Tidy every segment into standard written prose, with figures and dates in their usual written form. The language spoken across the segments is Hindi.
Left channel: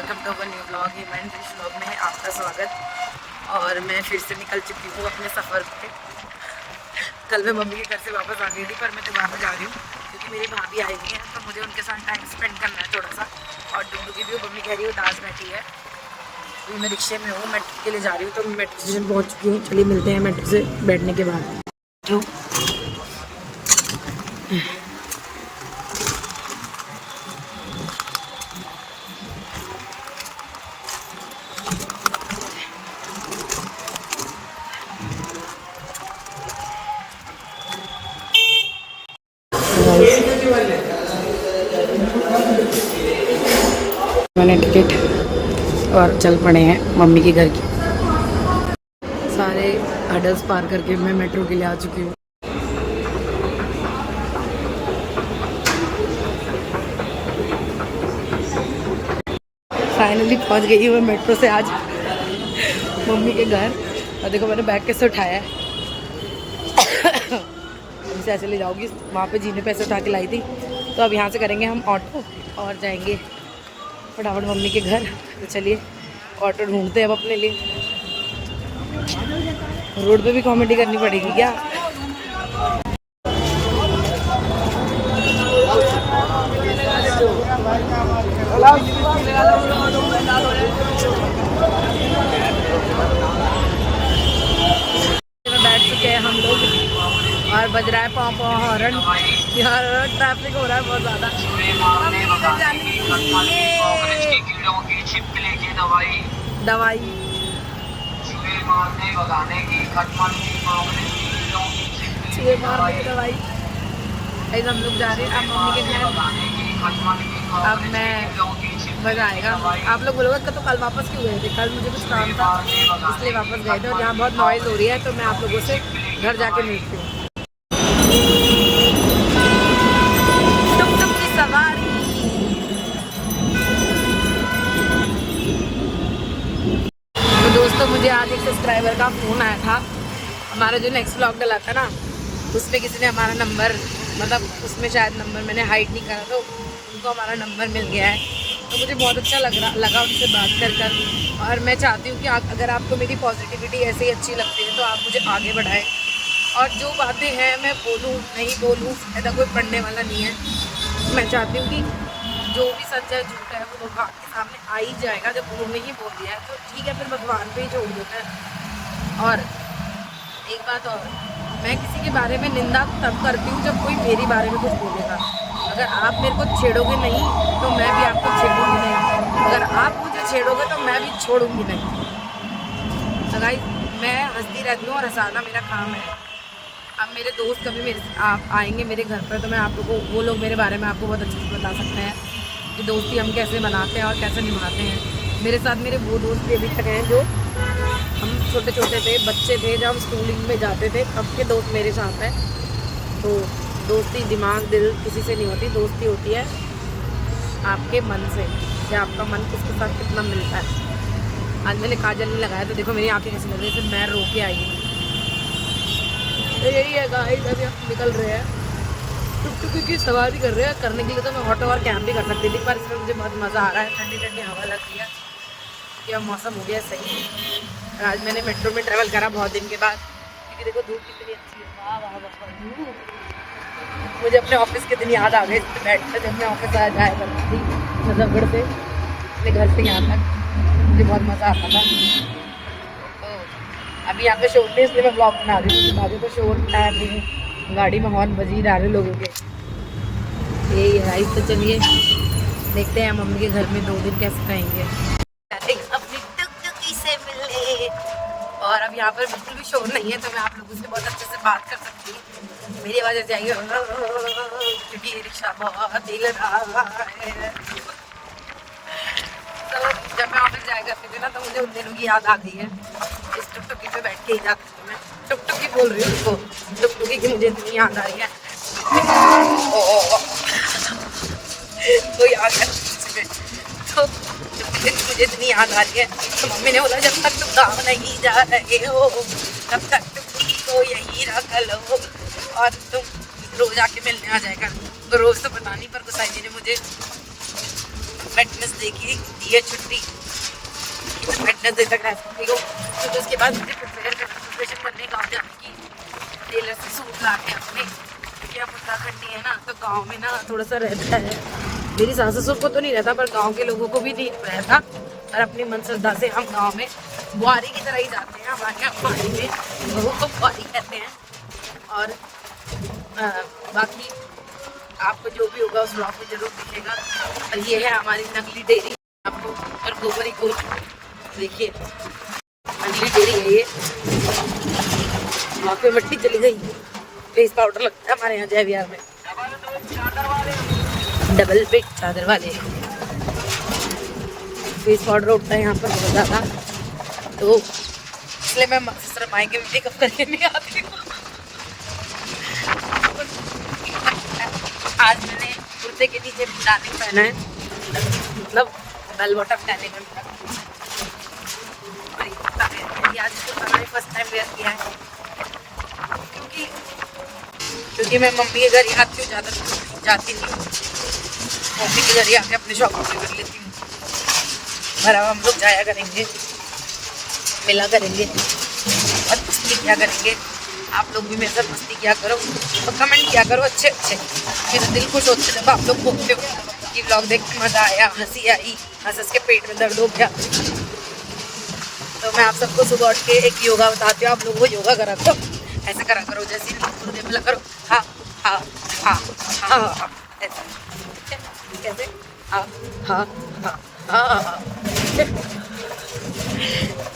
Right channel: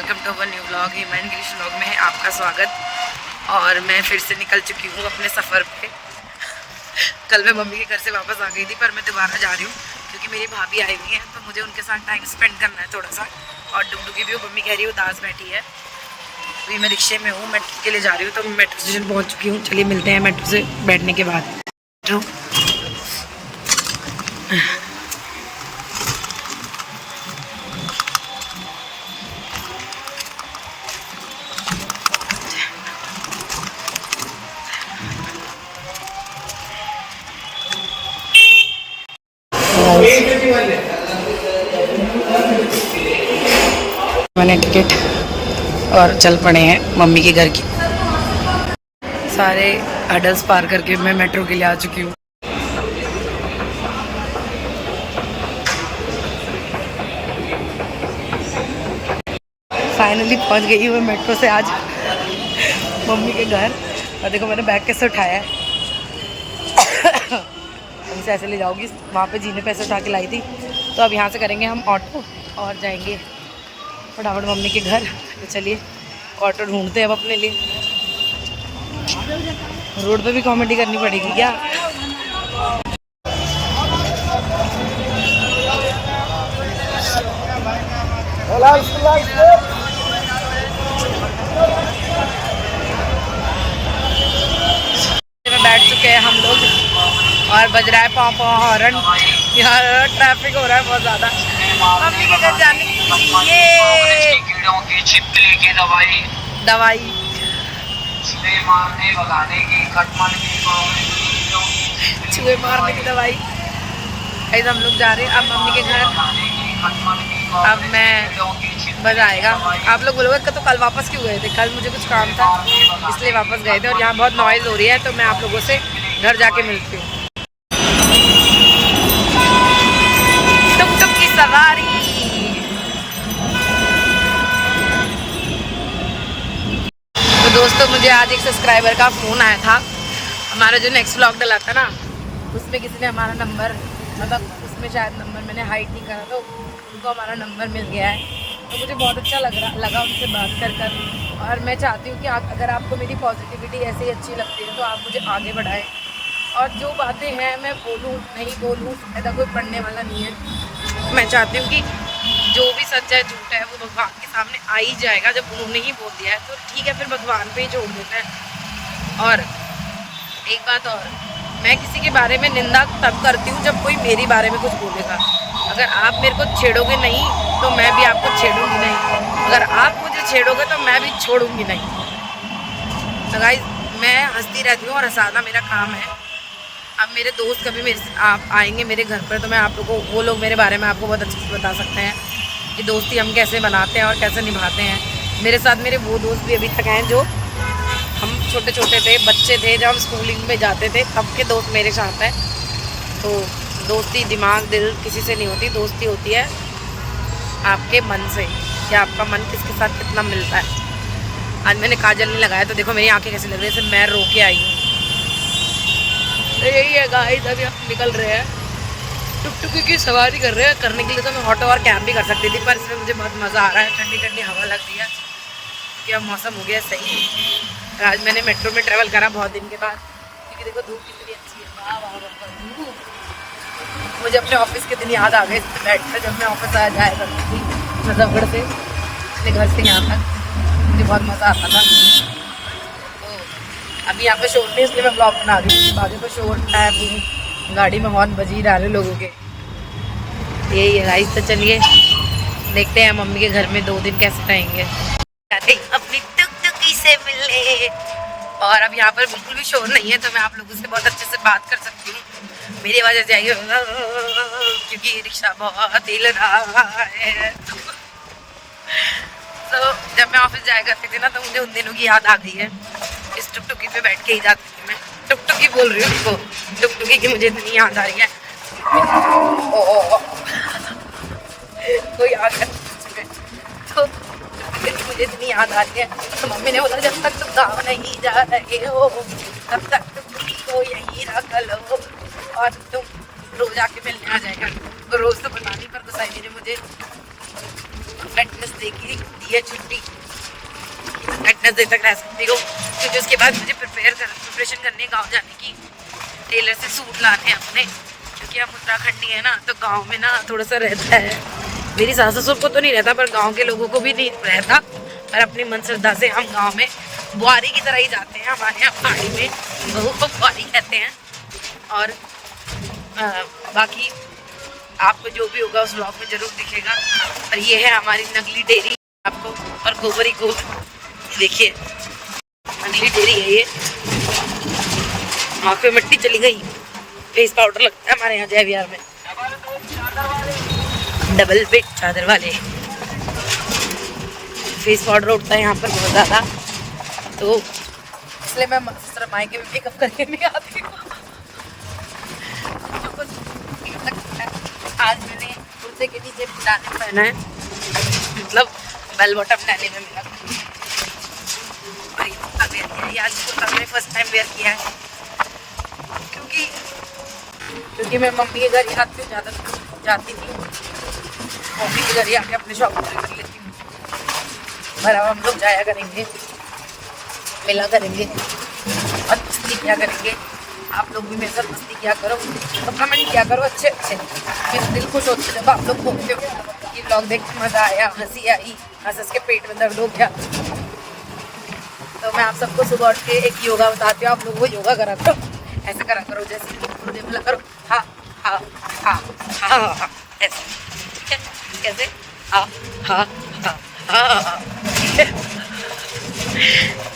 Welcome to our new blog. Iman English blog में है आपका स्वागत। और मैं फिर से निकल चुकी हूँ अपने सफ़र पे। कल मैं मम्मी के घर से वापस आ गई थी, पर मैं दोबारा जा रही हूँ क्योंकि मेरी भाभी आई हुई है, तो मुझे उनके साथ टाइम स्पेंड करना है थोड़ा सा। और डुगडुगी भी मम्मी कह रही है उदास बैठी है। अभी मैं रिक्शे में हूँ, मेट्रो के लिए जा रही हूँ, तो मैं मेट्रो स्टेशन पहुँच चुकी हूँ। चलिए मिलते हैं मेट्रो से बैठने के बाद। मेट्रो मैंने टिकट और चल पड़े हैं मम्मी के घर की। सारे हडल्स पार करके मैं मेट्रो के लिए आ चुकी हूँ। फाइनली पहुँच गई हूँ मैं मेट्रो से आज मम्मी के घर। और देखो मैंने बैग कैसे उठाया है। अभी से ऐसे ले जाऊँगी, वहाँ पे जी ने पैसे उठा के लाई थी। तो अब यहाँ से करेंगे हम ऑटो और जाएंगे फटाफट मम्मी के घर। तो चलिए ऑटो ढूंढते हैं अब अपने लिए। रोड पे भी कॉमेडी करनी पड़ेगी क्या? में बैठ चुके हैं हम लोग और बज रहा है पाँव पाँव हॉर्न। यहाँ ट्रैफिक हो रहा है बहुत ज़्यादा। मम्मी के घर जाने की ये छिपकली की दवाई मारने भगाने की चूहे मारने की दवाई। ऐसे हम लोग जा रहे हैं अब मम्मी के घर। अब मैं मज़ा आएगा। आप लोग बोलोगे तो कल वापस क्यों गए थे? कल मुझे कुछ काम था इसलिए वापस गए थे। और यहाँ बहुत नॉइज़ हो रही है, तो मैं आप लोगों से घर जाके मिलती हूँ। टुक टुक की सवारी। तो दोस्तों मुझे आज एक सब्सक्राइबर का फ़ोन आया था। हमारा जो नेक्स्ट व्लॉग डला था ना, उसमें किसी ने हमारा नंबर, मतलब उसमें शायद नंबर मैंने हाइड नहीं करा, तो उनको हमारा नंबर मिल गया है। तो मुझे बहुत अच्छा लगा उनसे बात कर। और मैं चाहती हूँ कि अगर आपको मेरी पॉजिटिविटी ऐसे ही अच्छी लगती है तो आप मुझे आगे बढ़ाएं। और जो बातें हैं मैं बोलूँ नहीं बोलूँ ऐसा कोई पढ़ने वाला नहीं है। मैं चाहती हूँ कि जो भी सच है झूठ है वो भगवान के सामने आ ही जाएगा। जब उन्होंने ही बोल दिया है तो ठीक है, फिर भगवान पे ही छोड़ देते हैं। और एक बात और, मैं किसी के बारे में निंदा तब करती हूँ जब कोई मेरे बारे में कुछ बोलेगा। अगर आप मेरे को छेड़ोगे नहीं तो मैं भी आपको छेड़ूंगी नहीं। अगर आप मुझे छेड़ोगे तो मैं भी छोड़ूंगी नहीं। तो गाइस मैं हंसती रहती हूँ और हंसाना मेरा काम है। अब मेरे दोस्त कभी मेरे आप आएंगे मेरे घर पर, तो मैं आप लोगों को, वो लोग मेरे बारे में आपको बहुत अच्छे से बता सकते हैं कि दोस्ती हम कैसे बनाते हैं और कैसे निभाते हैं। मेरे साथ मेरे वो दोस्त भी अभी तक हैं जो हम छोटे छोटे थे, बच्चे थे, जब हम स्कूलिंग में जाते थे तब के दोस्त मेरे साथ हैं। तो दोस्ती दिमाग दिल किसी से नहीं होती, दोस्ती होती है आपके मन से, कि आपका मन किसके साथ कितना मिलता है। आज मैंने काजल नहीं लगाया तो देखो मेरी आंखें कैसी लग रही है, जैसे मैं रो के आई हूँ। तो यही है गाइस, अभी हम निकल रहे हैं। टुकटुकी की सवारी करने के लिए तो मैं ऑटो और कैब भी कर सकती थी, पर इसमें मुझे बहुत मज़ा आ रहा है। ठंडी ठंडी हवा लग रही है क्योंकि अब मौसम हो गया सही। आज मैंने मेट्रो में ट्रैवल करा बहुत दिन के बाद, क्योंकि देखो धूप कितनी अच्छी है। वाह वाह वाह धूप। मुझे अपने ऑफिस के दिन याद आ गए बैठ कर, जब मैं ऑफिस आ जाया करती थी नजफगढ़ से, अपने घर से यहाँ तक। मुझे बहुत मज़ा आता था। तो अभी यहाँ पे शोर नहीं, इसलिए मैं ब्लॉग बना रही हूँ। बाजू तो शोर है, गाड़ी में हॉर्न बजी रहा है लोगों के। यही है गाइस। तो चलिए देखते हैं मम्मी के घर में 2 दिन कैसे रहेंगे। अपनी टुकटुकी से मिले। और अब यहाँ पर बिल्कुल भी शोर नहीं है, तो मैं आप लोगों से बहुत अच्छे से बात कर सकती हूँ। मेरी आवाज़ ऐसे आएगी क्योंकि रिक्शा बहुत हिल रहा है। तो जब मैं ऑफिस जाया करती थी ना, तो मुझे उन दिनों की याद आ गई है। इस टुकटुकी पे बैठ के ही जाती थी मैं। टुकटुकी बोल रही हूँ इसको, टुकटुकी की मुझे इतनी याद आ रही है। कोई आ गया तो मुझे इतनी याद आ रही है। तो मम्मी ने बोला जब तक तुम गाँव नहीं जा रहे हो तब तक टुकटुकी को यहीं रख लो और तुम रोज आके मिलने आ जाएगा। तो रोज तो पता नहीं, पर गुसाई जी ने मुझे फिटनेस दी है छुट्टी, वेडनेसडे तक रह सकती हो, क्योंकि उसके बाद मुझे प्रिपरेशन करने गाँव जाने की, टेलर से सूट लाने अपने, क्योंकि हम उत्तराखंडी है ना, तो गाँव में ना थोड़ा सा रहता है। मेरी सास ससुर को तो नहीं रहता, पर गाँव के लोगों को भी नहीं रहता। पर अपनी मन श्रद्धा से हम गाँव में बुआरी की तरह ही जाते हैं। हमारे यहाँ पहाड़ी में बहू को बुआरी कहते हैं। और बाकी आपको जो भी होगा उस व्लॉग में जरूर दिखेगा। और ये है हमारी नगली डेयरी आपको, और गोबरी को देखिए, नगली डेयरी है ये। आँख पे मिट्टी चली गई। फेस पाउडर लगता है हमारे यहाँ जय विहार में, डबल बेड चादर वाले। फेस पाउडर उठता है यहाँ पर बहुत ज़्यादा, तो इसलिए मैं मायके में मेकअप करके नहीं आती हूँ। आज मैंने कुर्ते के नीचे डाले पहना है, मतलब बेल बॉटम डाले में मेरा, और ये कुर्ता वेयर किया। आज कुर्ता मैंने फर्स्ट टाइम वेयर किया है, क्योंकि मैं मम्मी के घर ही आती हूँ, ज़्यादा जाती नहीं हूँ। मम्मी के घर ही आके अपने शौक पूरे कर लेती हूँ। पर अब हम लोग जाया करेंगे, मिला करेंगे और मस्ती किया करेंगे। आप लोग भी मेरे साथ मस्ती किया करो, तो कमेंट किया करो अच्छे अच्छे। मेरा दिल खुश होता है जब आप लोग बोलते हो कि व्लॉग देख के मज़ा आया, हंसी आई, हंस के पेट में दर्द हो गया। तो मैं आप सबको सुबह उठ के एक योगा बताती हूँ, आप लोगों को योगा करा करो, ऐसे करा करो, जैसे गुरुदेव मिला करो, हाँ हाँ हाँ हाँ हाँ, ऐसे ठीक है, कैसे हाँ हाँ हाँ हाँ।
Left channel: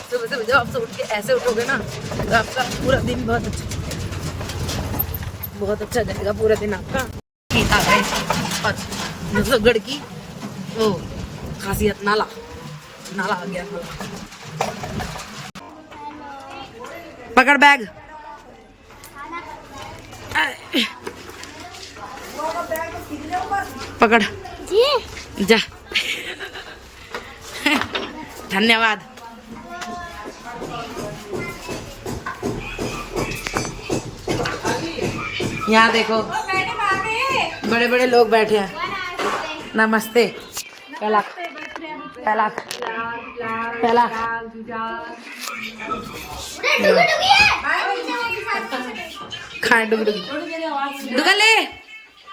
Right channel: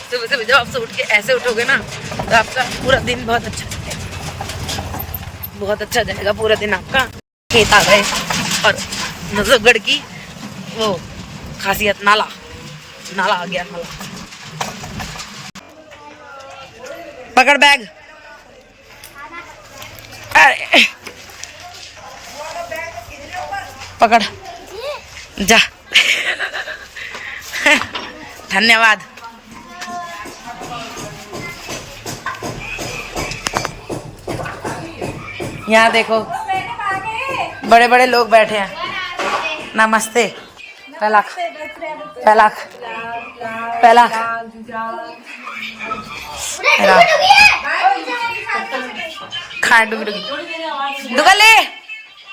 सुबह से जब आप सब उठ के ऐसे उठोगे ना, तो आपका पूरा दिन बहुत अच्छा जाएगा। पूरा दिन आपका खेत आ गए, और नजफगढ़ की वो खासियत नाला आ गया। नाला पकड़ बैग, अरे पकड़ जा। धन्यवाद। यहाँ देखो बड़े बड़े लोग बैठे हैं। नमस्ते। पलाक खाए डुगले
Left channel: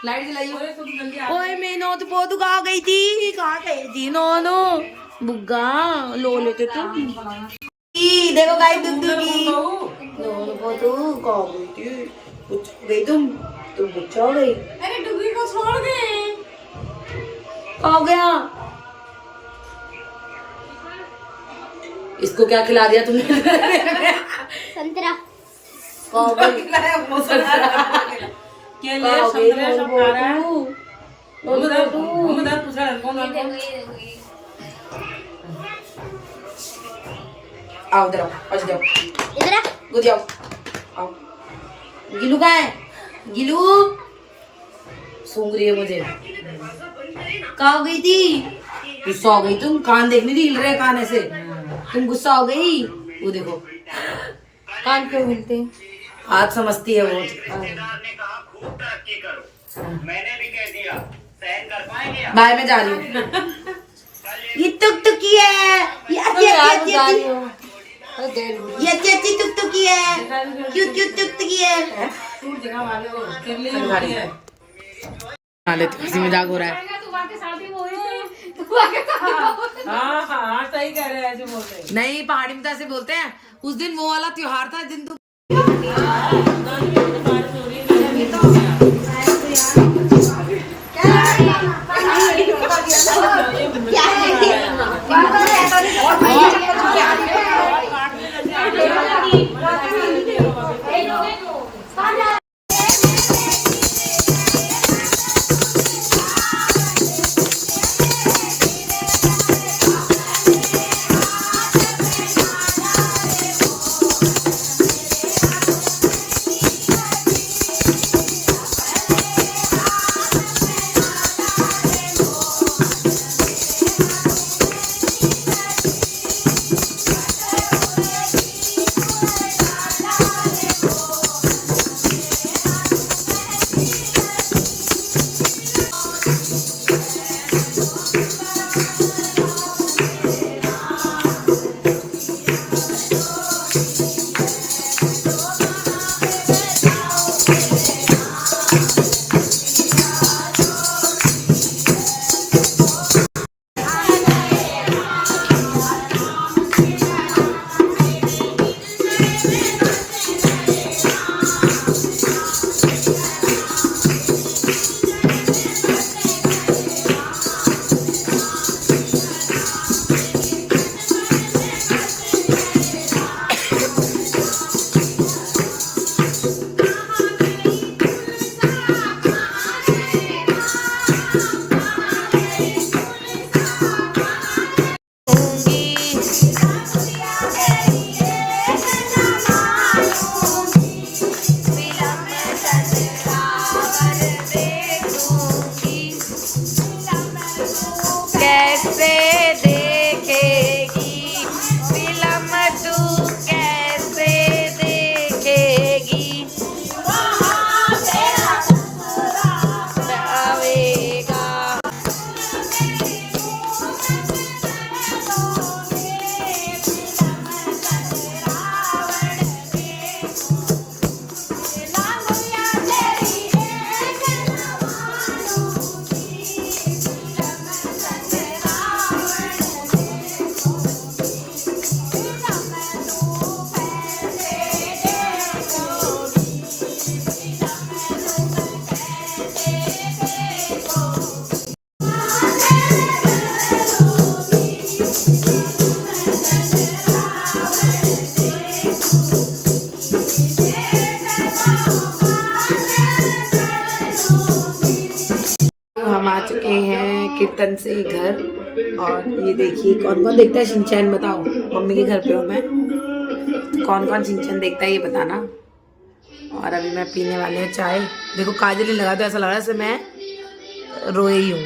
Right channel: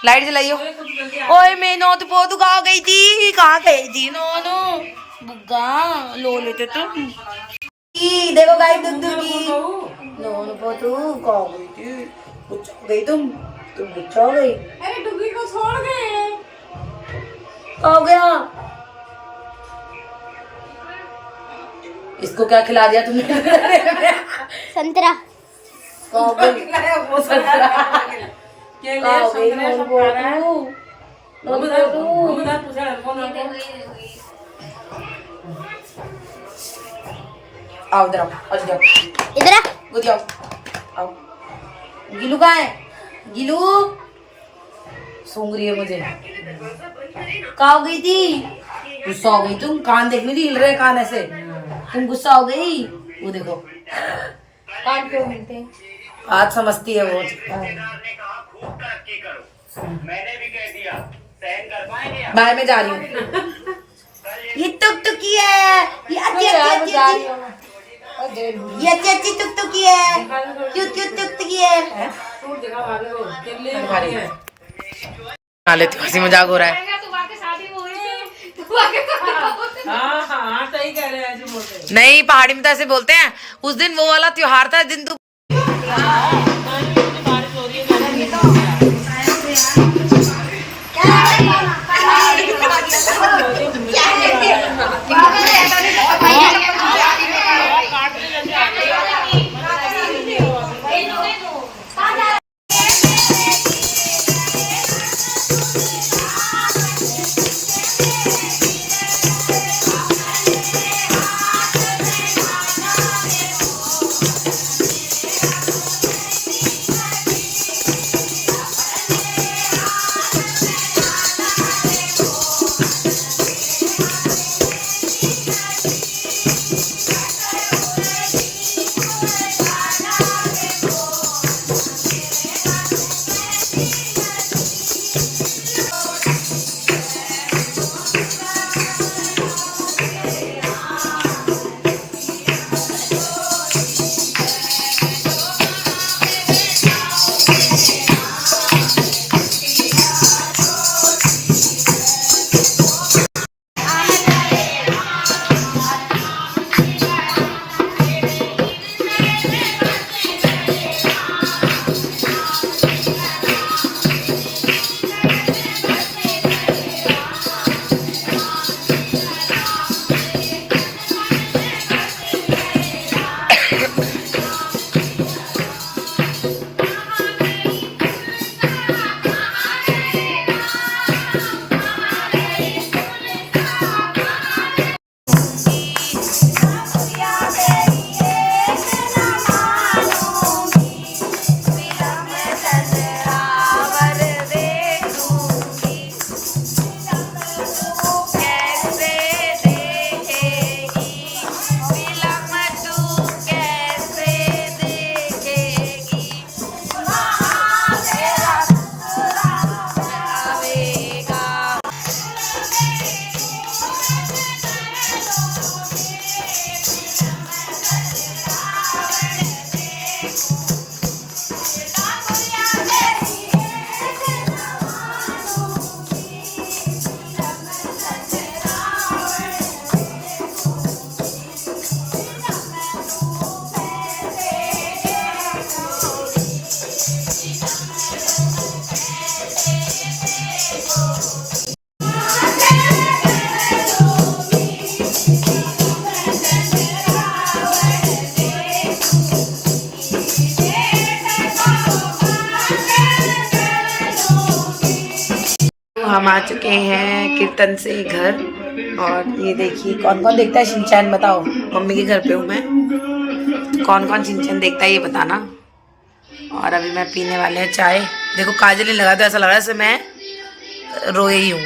लाइट जलाइयो। ओए मैं नौत पोतू कहाँ गई थी नोनू बुग्गा लो लेते तुम। देखो गाय दुगी नोनू पोतू कहाँ गई थी? गुच्छा गई तुम गुच्छा हो गई। अरे डुगी को छोड़ गए। कहाँ गया? इसको क्या खिला दिया तुमने? संतरा। कहाँ गई? वो संतरा आओ इधर आओ। गिलू कहाँ है? गिलू सूंघ रही है मुझे। कहाँ हो गई थी? गुस्सा हो गई तुम? कान देखने हिल रहे कान ऐसे, तुम गुस्सा हो गई? वो देखो कान क्यों हिलते हैं? आज समझती है वो। मैंने भी कह दिया सहन कर पाएंगे। बाय मैं जा रही हूँ। ये टुकटुकी है, ये अच्छी टुकटुकी है, क्यूट टुकटुकी है। खा लेती हूँ, हंसी मजाक हो रहा है। नहीं पहाड़ी में तो ऐसे बोलते हैं। उस दिन वो वाला त्योहार था दिन तू हम आ चुके हैं कीर्तन से घर। और ये देखिए कौन कौन देखता है शिनचैन, बताओ। मम्मी के घर पे हूँ मैं, कौन कौन शिनचैन देखता है ये बताना। और अभी मैं पीने वाले हैं चाय। देखो काजल ही लगा तो ऐसा लग रहा है जैसे मैं रोई ही हूँ,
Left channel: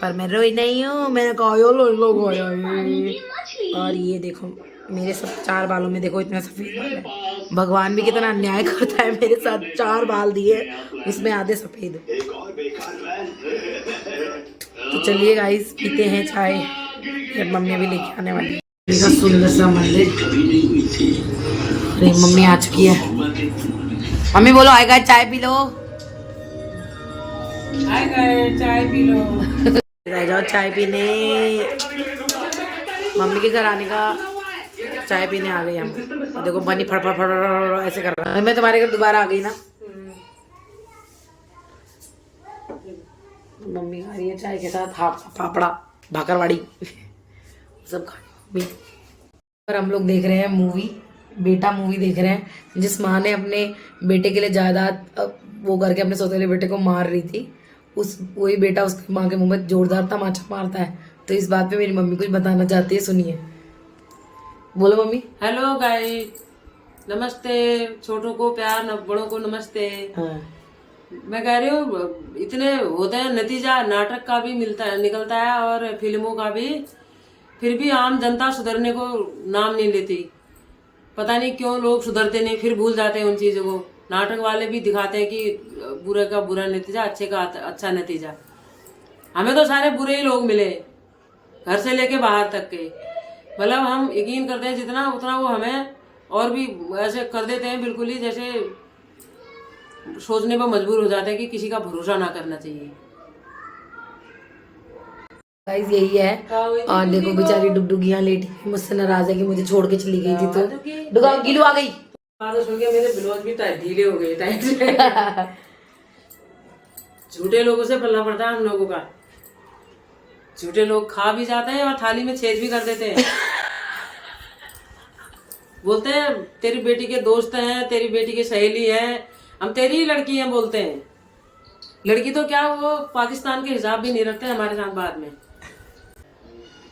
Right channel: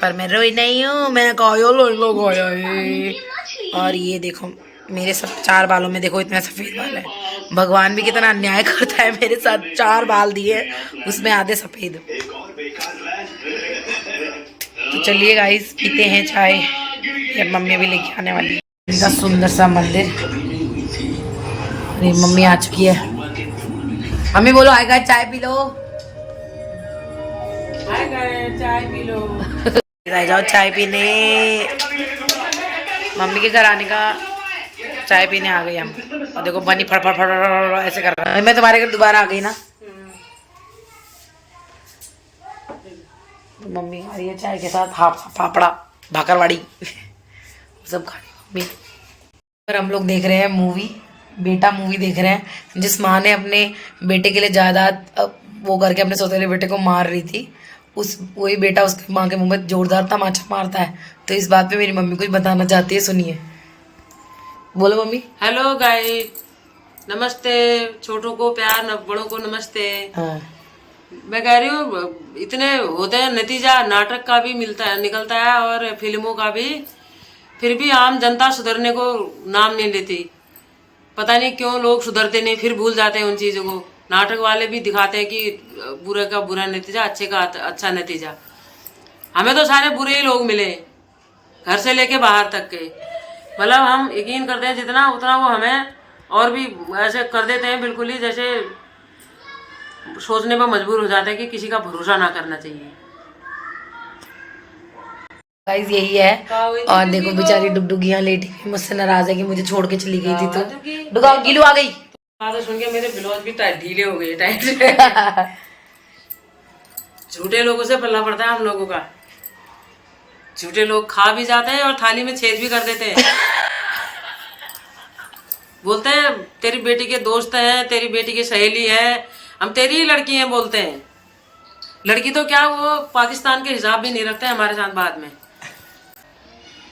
पर मैं रोई नहीं हूँ, मैंने काजल लगाया है। और ये देखो मेरे सब 4 बालों में देखो इतने सफ़ेद बाल है। भगवान भी कितना अन्याय करता है, मेरे साथ 4 बाल दिए उसमें आधे सफ़ेद। तो चलिए गाइस पीते हैं चाय, ये मम्मी अभी लेके आने वाली है। इनका सुंदर सा मंदिर। अरे मम्मी आ चुकी है। मम्मी बोलो आएगा चाय पी लो, चाय पी लो। रह जाओ चाय पीने। मम्मी के घर आने का चाय पीने आ गई हम। और देखो बनी फड़ फड़ फड़ ऐसे कर रहा है। मैं तुम्हारे घर दोबारा आ गई ना। मम्मी खा रही है चाय के साथ फाफड़ा भाकरवाड़ी सब खा रही मम्मी। और हम लोग देख रहे हैं मूवी, बेटा मूवी देख रहे हैं, जिस माँ ने अपने बेटे के लिए जायदाद वो करके अपने सौतेले बेटे को मार रही थी, उस वही बेटा उसकी माँ के मुंह में जोरदार तमाचा मारता है। तो इस बात पे मेरी मम्मी कुछ बताना चाहती है, सुनिए। बोलो मम्मी। हेलो गाइस, नमस्ते। छोटों को प्यार, बड़ों को नमस्ते। हाँ। मैं कह रही हूँ इतने होते हैं, नतीजा नाटक का भी मिलता है, निकलता है और फिल्मों का भी, फिर भी आम जनता सुधरने को नाम नहीं लेती। पता नहीं क्यों लोग सुधरते नहीं, फिर भूल जाते हैं उन चीज़ों को। नाटक वाले भी दिखाते हैं कि बुरे का बुरा नतीजा, अच्छे का अच्छा नतीजा। हमें तो सारे बुरे ही लोग मिले, घर से लेके बाहर तक के। मतलब हम यकीन करते हैं जितना उतना वो हमें और भी ऐसे कर देते हैं, बिल्कुल ही जैसे सोचने पर मजबूर हो जाते हैं कि किसी का भरोसा ना करना चाहिए। गाइस यही है। और देखो बेचारी डुगडुगी यहाँ लेटी हुई, मुझसे नाराज है कि मुझे छोड़ के चली गई थी। तो डुगा गिलू आ गई। बात सुन के मेरे ब्लाउज भी टाइट ढीले हो गए, टाइट। झूठे लोगों से पल्ला पड़ता है हम लोगों का। झूठे लोग खा भी जाते हैं और थाली में छेद भी कर देते हैं। बोलते हैं तेरी बेटी के दोस्त हैं, तेरी बेटी की सहेली है, हम तेरी ही लड़की हैं बोलते हैं। लड़की तो क्या, वो पाकिस्तान के हिसाब भी नहीं रखते हैं हमारे साथ। बाद में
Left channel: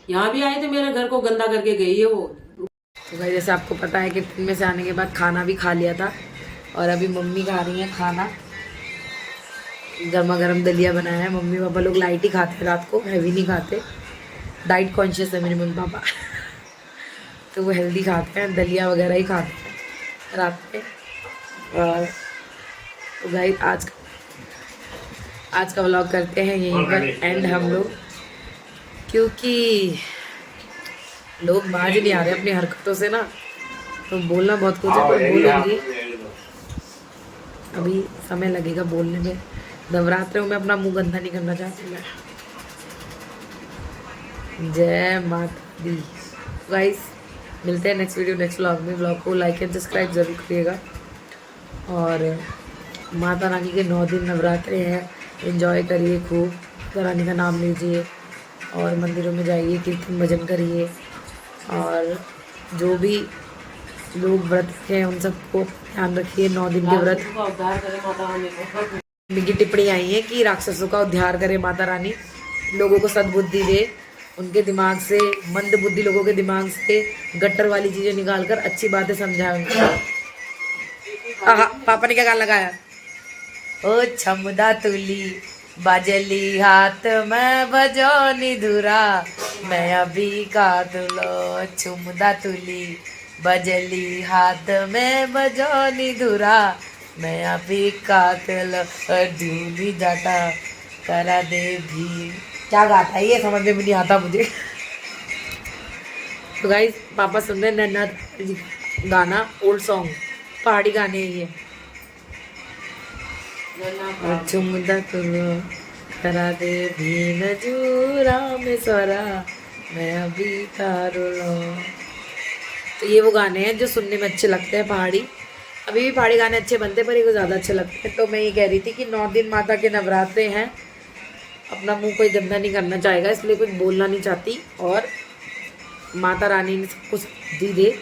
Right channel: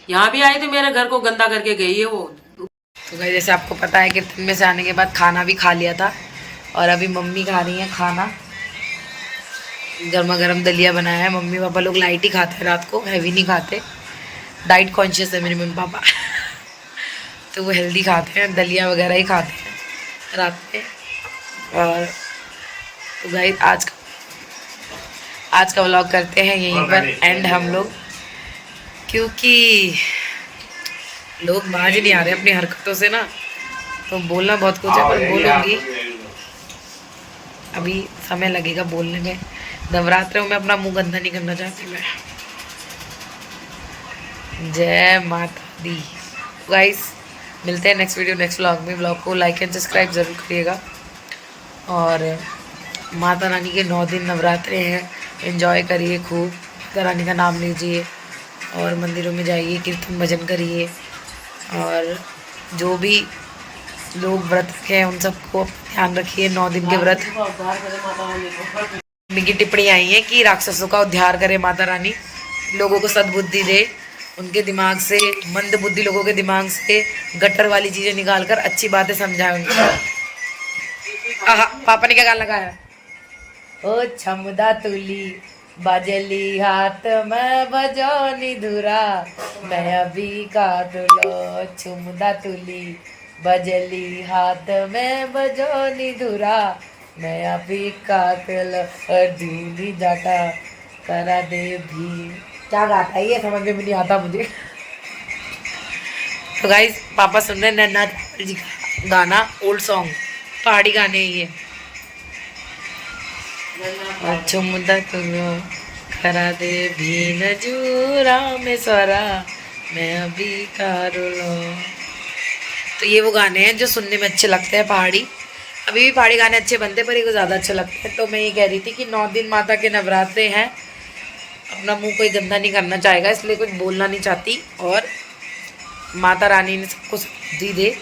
यहाँ भी आई थी, मेरे घर को गंदा करके गई है वो। तो भाई जैसे आपको पता है कीर्तन में से आने के बाद खाना भी खा लिया था, और अभी मम्मी खा रही है खाना। गर्मा गर्म दलिया बनाया है। मम्मी पापा लोग लाइट ही खाते हैं रात को, हैवी नहीं खाते। डाइट कॉन्शियस है मेरे मम्मी पापा। तो वो हेल्दी खाते हैं, दलिया वगैरह ही खाते हैं रात में। और तो भाई आज का व्लॉग करते हैं यहीं पर एंड हम लोग, क्योंकि लोग बाज नहीं आ रहे अपनी हरकतों से ना। तो बोलना बहुत कुछ है, पर बोलूँगी, अभी समय लगेगा बोलने में। नवरात्रों में अपना मुंह गंदा नहीं करना चाहती मैं। जय माता दी। गाइस मिलते हैं नेक्स्ट वीडियो, नेक्स्ट व्लॉग में। व्लॉग को लाइक एंड सब्सक्राइब ज़रूर करिएगा। और माता रानी के 9 दिन नवरात्रे हैं, एंजॉय करिए खूब। माता रानी का नाम लीजिए और मंदिरों में जाइए, कीर्तन भजन करिए। और जो भी लोग व्रत रखे हैं उन सबको ध्यान रखिए, 9 दिन के व्रत। मम्मी की टिप्पणी आई है कि राक्षसों का उद्धार करे माता रानी, लोगों को सद्बुद्धि दे, उनके दिमाग से, मंद बुद्धि लोगों के दिमाग से गट्टर वाली चीज़ें निकाल कर अच्छी बातें समझाए उनको। पापा ने क्या गाना लगाया? ओ छमुदा तुली बजली हाथ में बजो निधुरा, मैं अभी का तुलो। छमुदा तुली बजली हाथ में बजो निधुरा, मैं अभी का तुलो। ढूंढी जाता करा दे भी। क्या गाता है ये समझ में नहीं आता मुझे। तो गाइस पापा सुन रहे नन्ना जी का गाना, ओल्ड सॉन्ग, पहाड़ी गाने ये। चुमदा तुलो करा दे भी नजूरा में स्वरा, मैं अभी कारुलो। तो ये वो गाने हैं जो सुनने में अच्छे लगते हैं पहाड़ी। अभी भी पहाड़ी गाने अच्छे बनते हैं, पर ये को ज़्यादा अच्छे लगते हैं। तो मैं ये कह रही थी कि 9 दिन माता के नवरात्रे हैं, अपना मुंह कोई गंदा नहीं करना चाहेगा, इसलिए कुछ बोलना नहीं चाहती। और माता रानी ने सबको सद्बुद्धि दे।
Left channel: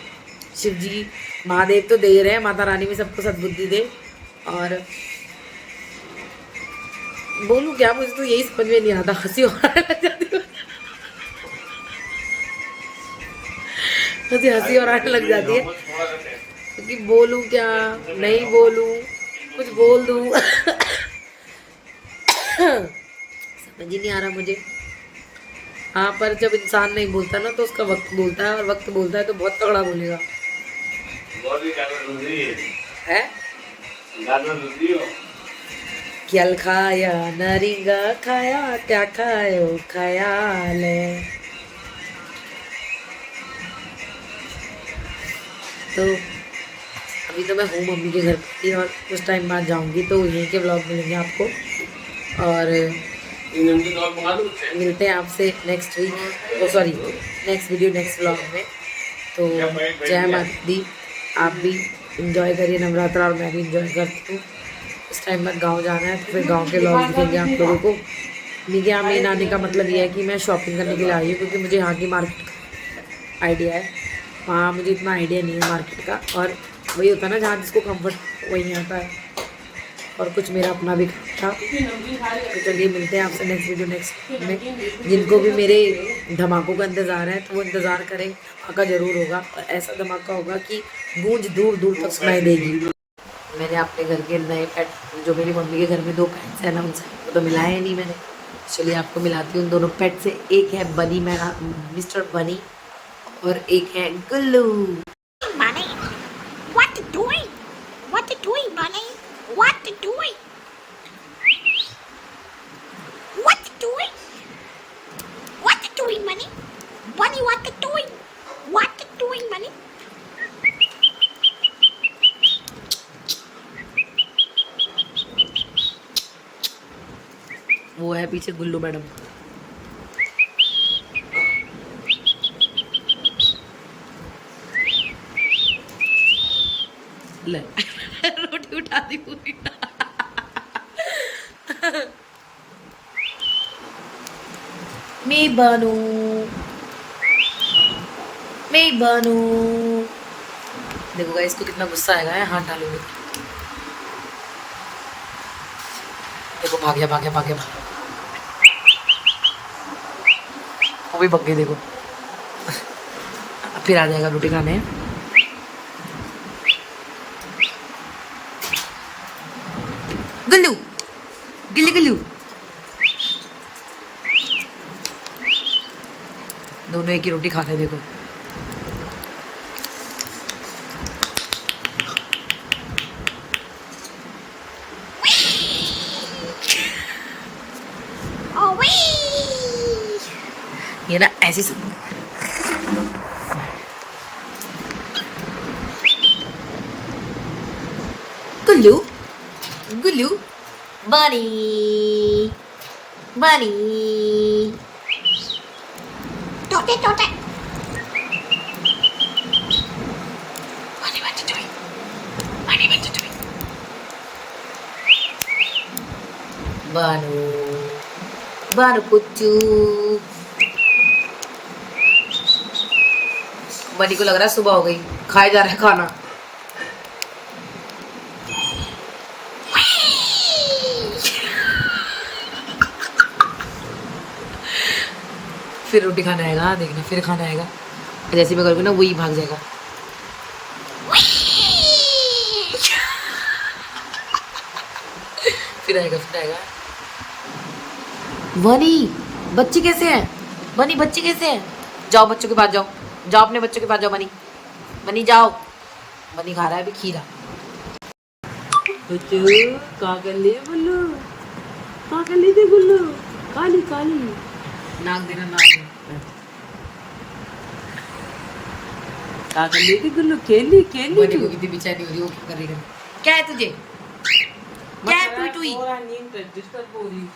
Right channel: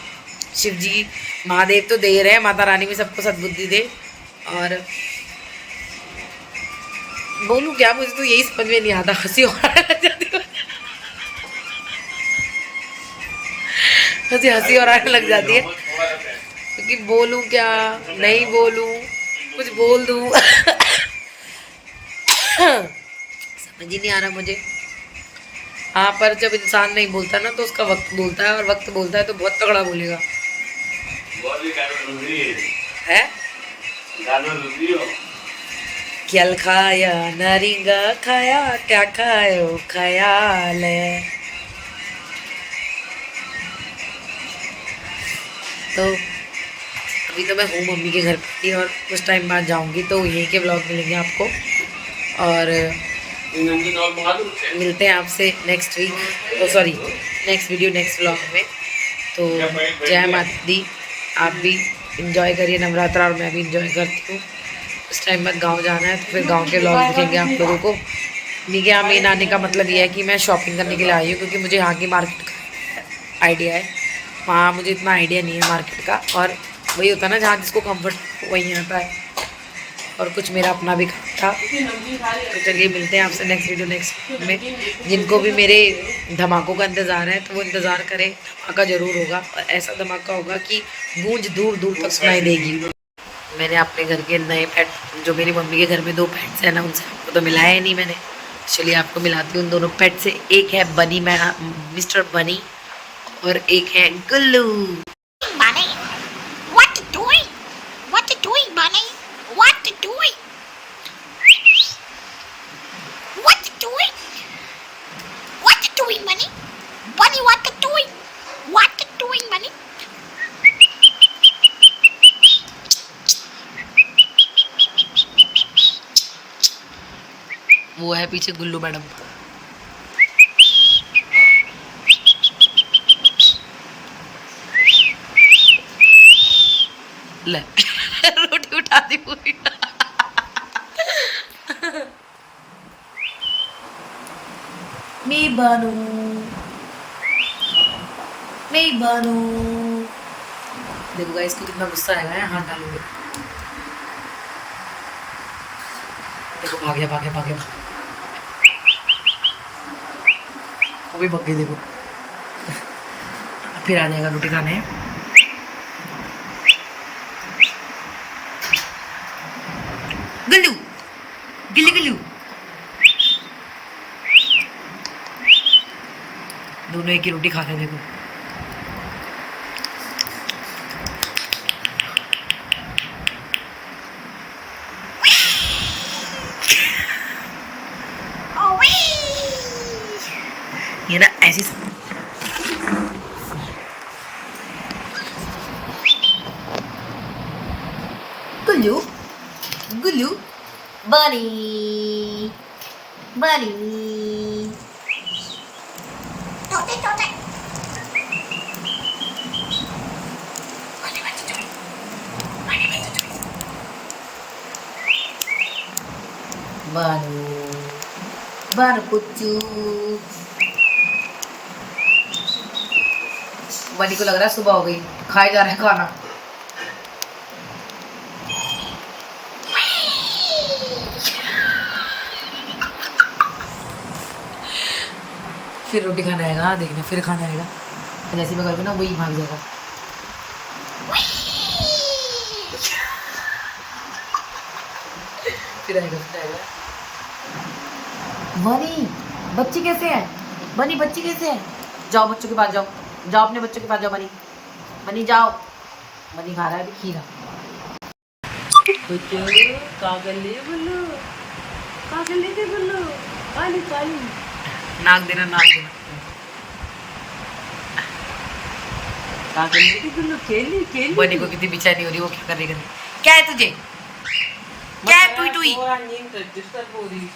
शिव जी महादेव तो दे रहे हैं, माता रानी भी सबको सद्बुद्धि दे। और बोलूं क्या, मुझे तो यही समझ में नहीं आता, हंसी और आने लग जाती है, हंसी और आने लग जाती है, क्योंकि बोलूं क्या, नहीं बोलूं, कुछ बोल दूं समझ ही नहीं आ रहा मुझे। हाँ, पर जब इंसान नहीं बोलता ना तो उसका वक्त बोलता है, और वक्त बोलता है तो बहुत तगड़ा बोलेगा है। क्या खाया नारिंगा खाया, क्या खायो ख्याल है। तो अभी तो मैं हूँ मम्मी के घर पे और कुछ टाइम बाद जाऊंगी, तो यहीं के व्लॉग मिलेंगे आपको, और मिलते हैं आपसे next week, sorry next video, next vlog में। तो जय माता दी, आप भी इंजॉय करिए नवरात्रा, और मैं भी इंजॉय करती हूँ। उस टाइम बाद गांव जाना है, तो फिर गांव के व्लॉग दिखेंगे आप लोगों को। मेरे यहाँ मेन आने का मतलब ये है कि मैं शॉपिंग करने के लिए आई हूँ, क्योंकि मुझे यहाँ की मार्केट का आइडिया है, वहाँ मुझे इतना आइडिया नहीं है मार्केट का, और वही होता है ना जहाँ जिसको कंफर्ट वहीं आता है, और कुछ मेरा अपना भी काम था। तो चलिए मिलते हैं आपसे नेक्स्ट वीडियो नेक्स्ट में। जिनको भी मेरे धमाकों का इंतज़ार है तो वो इंतज़ार करें, धमाका ज़रूर होगा, और ऐसा धमाका होगा कि गूंज दूर दूर तक सुनाई देगी। मैंने अपने घर के नए पेट, जो मेरी मम्मी के घर में 2 पेट्स हैं ना, उनसे आपको तो मिलाया ही नहीं मैंने, चलिए आपको मिलाती हूँ उन दोनों पेट से। एक है बनी, मिस्टर बनी, और एक है गुल्लू। Bunny, what you doing? What you doing, Bunny? What you doing? What you doing? What you doing, Bunny? Bunny, what you doing? What you doing, Bunny? वो है पीछे गुल्लू मैडम। ले रोटी उठा दी पूरी। मैं बानू, मैं बानू। देखो गाइस, इसको कितना गुस्सा आएगा, हाथ डालूंगा। देखो भाग गया, भाग गया, भाग गया, वो भी भाग गई। देखो फिर आ जाएगा रोटी खाने। गुल्लू, गिल्ली गुल्लू, दोनों एक ही रोटी खा रहे। देखो Oh, wee! ये ना ऐसी गुल्लू, गुल्लू, बनी, बनी। Tote, tote. बानू, बानू पुच्चू। बनी को लग रहा है सुबह हो गई, खाए जा रहे हैं खाना। फिर रोटी खाना आएगा, देखना फिर खाना आएगा। जैसे मैं करूँगी ना वही भाग जाएगा। फिर आएगा, फिर आएगा। बनी, बच्चे कैसे हैं? बनी, बच्चे कैसे हैं? जाओ बच्चों के पास जाओ, जाओ अपने बच्चों के पास जाओ। बनी, बनी जाओ। बनी खा रहा है अभी खीरा। कहाँ कर ले गुल्लू, कहाँ कर ले थे गुल्लू, काली काली नाक देना, नाक देना। कहाँ कर ले थी गुल्लू, खेली खेली। बनी को कितनी बेचैनी हो रही है, वो क्या कर रही है? क्या है तुझे? क्या है? टुई टुई डिस्टर्ब हो रही थी।